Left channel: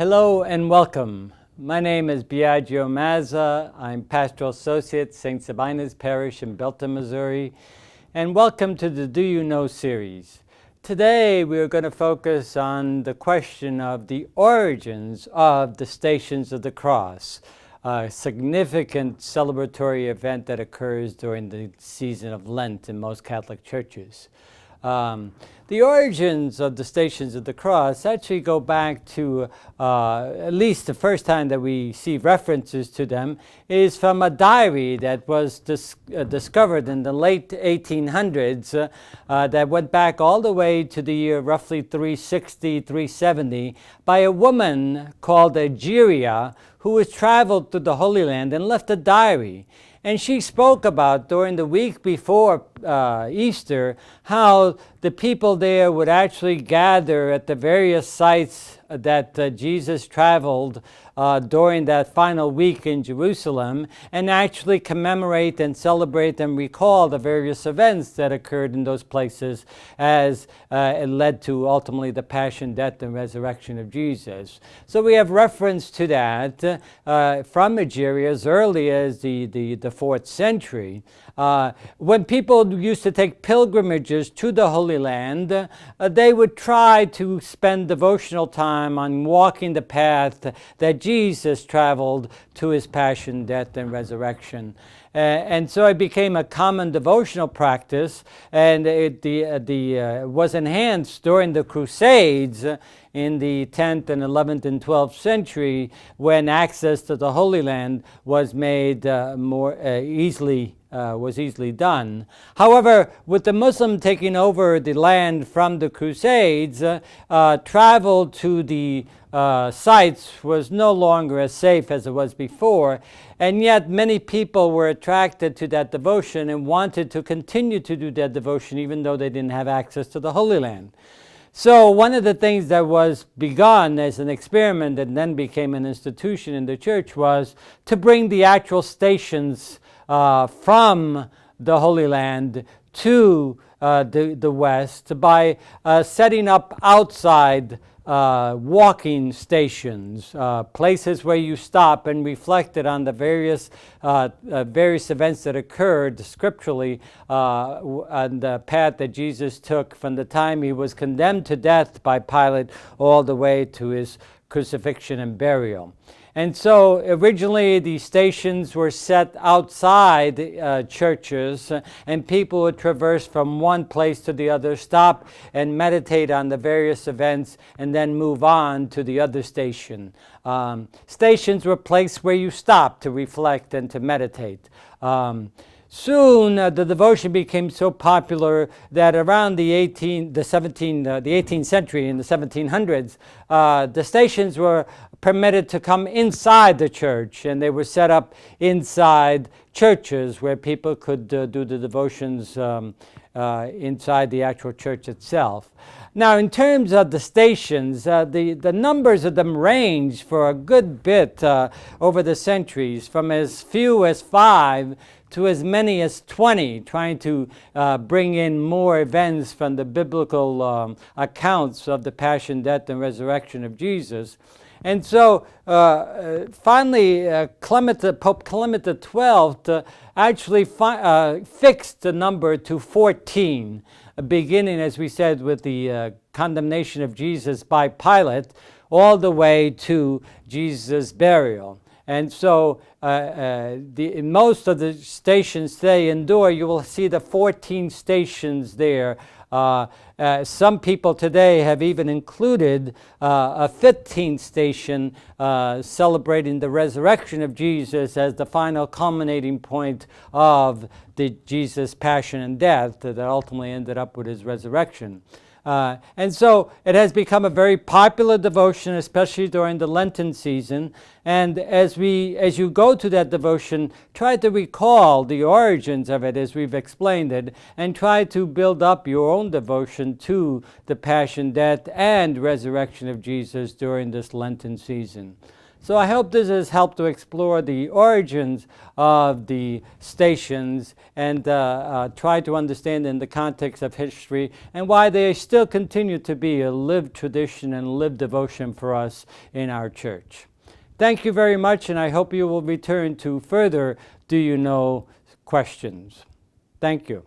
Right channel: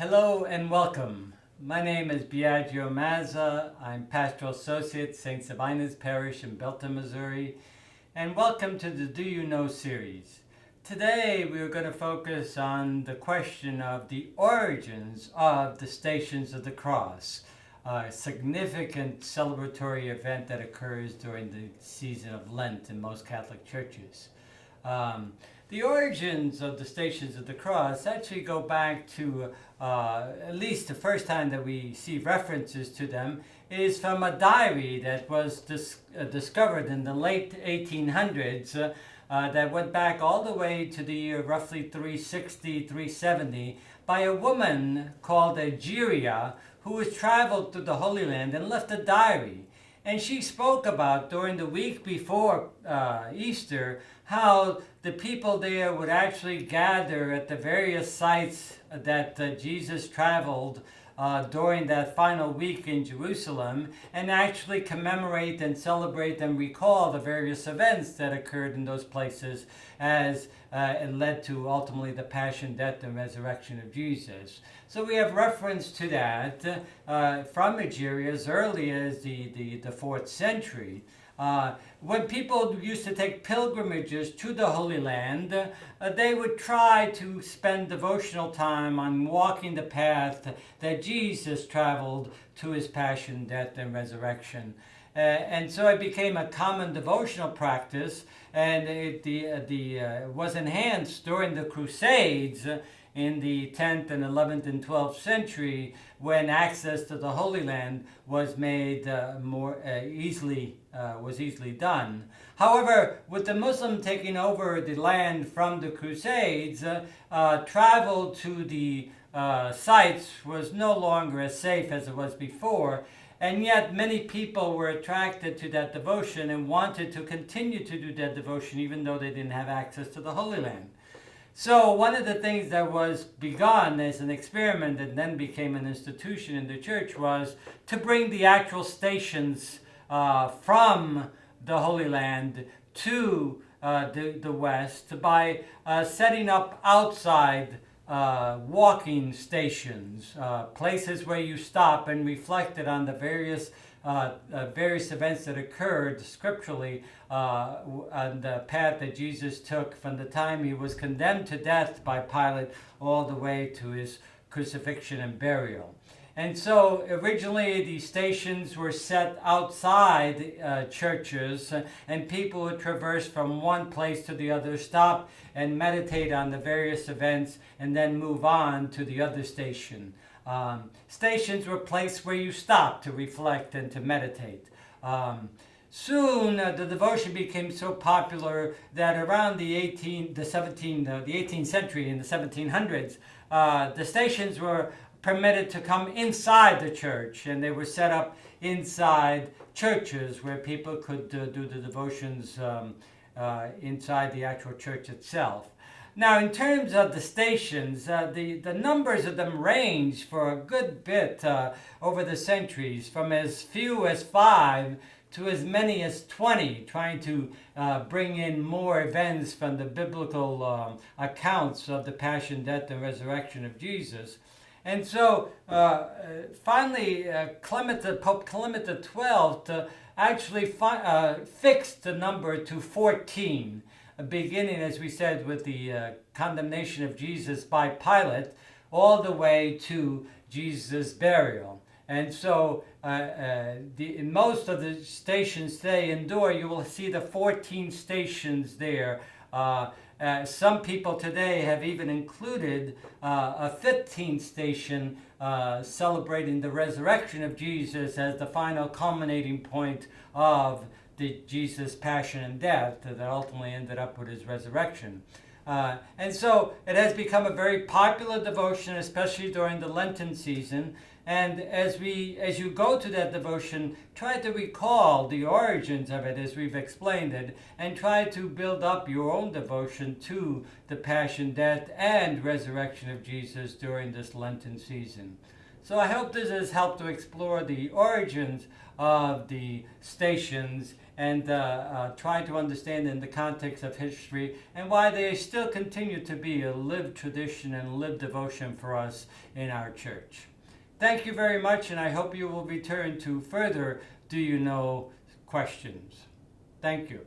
Hello and welcome. My name is Biagio Mazza. I'm Pastoral Associate, St. Sabina's Parish in Belton, Missouri. And welcome to the Do You Know series. Today we're going to focus on the question of the origins of the Stations of the Cross, a significant celebratory event that occurs during the season of Lent in most Catholic churches. The origins of the Stations of the Cross actually go back to at least the first time that we see references to them is from a diary that was discovered in the late 1800s that went back all the way to the year roughly 360, 370 by a woman called Egeria who has traveled through the Holy Land and left a diary. And she spoke about during the week before Easter how the people there would actually gather at the various sites that Jesus traveled during that final week in Jerusalem and actually commemorate and celebrate and recall the various events that occurred in those places as it led to ultimately the passion, death, and resurrection of Jesus. So we have reference to that from Egeria as early as the 4th century. When people used to take pilgrimages to the Holy Land, they would try to spend devotional time on walking the path that Jesus traveled to his passion, death, and resurrection. And so it became a common devotional practice, and it was enhanced during the Crusades in the 10th and 11th and 12th century when access to the Holy Land was made more easily done. However, with the Muslim taking over the land from the Crusades, travel to the sites was no longer as safe as it was before, and yet many people were attracted to that devotion and wanted to continue to do that devotion even though they didn't have access to the Holy Land. So one of the things that was begun as an experiment and then became an institution in the church was to bring the actual stations from the Holy Land to the West by setting up outside walking stations, places where you stop and reflected on the various events that occurred scripturally on the path that Jesus took from the time he was condemned to death by Pilate all the way to his crucifixion and burial. And so originally the stations were set outside churches, and people would traverse from one place to the other, stop and meditate on the various events, and then move on to the other station. Stations were places where you stopped to reflect and to meditate. Soon the devotion became so popular that around the 18th century, in the 1700s, the stations were permitted to come inside the church, and they were set up inside churches where people could do the devotions inside the actual church itself. Now, in terms of the stations, the numbers of them range for a good bit over the centuries, from as few as 5 to as many as 20, trying to bring in more events from the biblical accounts of the passion, death, and resurrection of Jesus. And so finally, Pope Clement XII actually fixed the number to 14, beginning, as we said, with the condemnation of Jesus by Pilate, all the way to Jesus' burial. And so in most of the stations today endure, you will see the 14 stations there. Some people today have even included a 15th station celebrating the resurrection of Jesus as the final culminating point of the Jesus' passion and death that ultimately ended up with his resurrection. And so it has become a very popular devotion, especially during the Lenten season. And as you go to that devotion, try to recall the origins of it as we've explained it, and try to build up your own devotion to the passion, death, and resurrection of Jesus during this Lenten season. So I hope this has helped to explore the origins of the stations and try to understand in the context of history and why they still continue to be a lived tradition and lived devotion for us in our church. Thank you very much, and I hope you will return to further Do You Know questions. Thank you.